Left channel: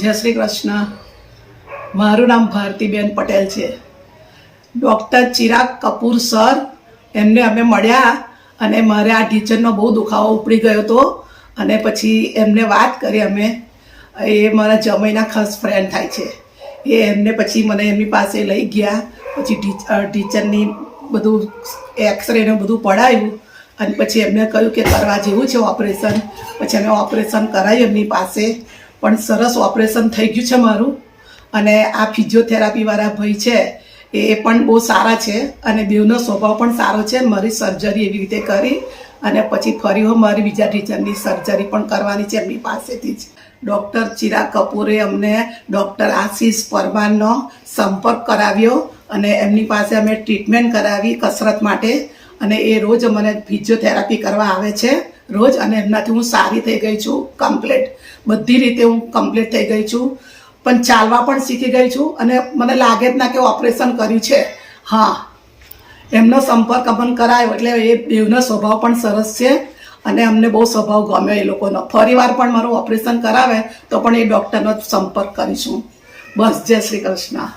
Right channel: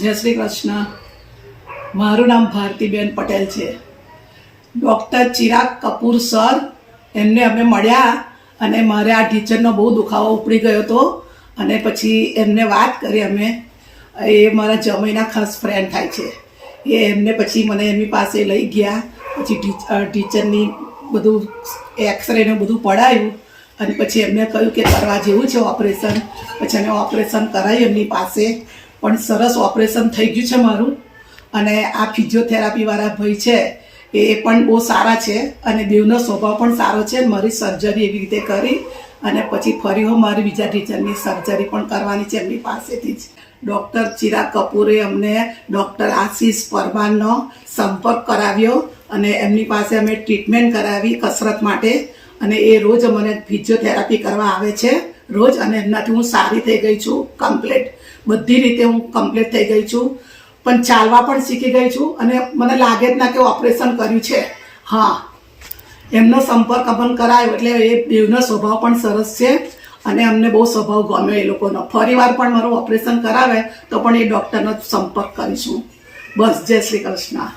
જય શ્રી કૃષ્ણ. મારું નામ ભારતીબેન પટેલ છે. ડૉક્ટર ચિરાગ કપૂર સર એમને અમે મળ્યા અને મારે આ ટીચરનો બહુ દુખાવો ઉપડી ગયો હતો અને પછી એમને વાત કરી. અમે એ મારા જમાઈના ખાસ ફ્રેન્ડ થાય છે. એમને પછી મને એમની પાસે લઈ ગયા. પછી ટીચરની બધું એક્સરે ને બધું પડાયું અને પછી એમને કહ્યું કે કરવા જેવું છે ઓપરેશન. પછી અમે ઓપરેશન કરાવ્યું એમની પાસે, પણ સરસ ઓપરેશન થઈ ગયું છે મારું. અને આ ફિઝિયોથેરાપીવાળા ભાઈ છે એ પણ બહુ સારા છે અને બેવનો સ્વભાવ પણ સારો છે. મારી સર્જરી એવી રીતે કરી અને પછી ફરી મારી બીજા ટીચરની સર્જરી પણ કરવાની છે એમની પાસેથી જ. ડૉક્ટર ચિરાગ કપૂરે અમને ડૉક્ટર આશીષ પરમારનો સંપર્ક કરાવ્યો અને એમની પાસે અમે ટ્રીટમેન્ટ કરાવી કસરત માટે. અને એ રોજ મને ફિઝિયોથેરાપી કરવા આવે છે રોજ, અને એમનાથી હું સારી થઈ ગઈ છું. કમ્પ્લીટ બધી રીતે હું કમ્પ્લીટ થઈ ગઈ છું, પણ ચાલવા પણ શીખી ગઈ છું. અને મને લાગે જ ના કે ઓપરેશન કર્યું છે. હા, એમનો સંપર્ક અમન કરાયો એટલે એ બેવનો સ્વભાવ પણ સરસ છે અને અમને બહુ સ્વભાવ ગમ્યો એ લોકોનો. ફરીવાર પણ મારું ઓપરેશન કરાવે તો પણ એ ડૉક્ટરનો સંપર્ક કરીશું. બસ, જય શ્રી કૃષ્ણ.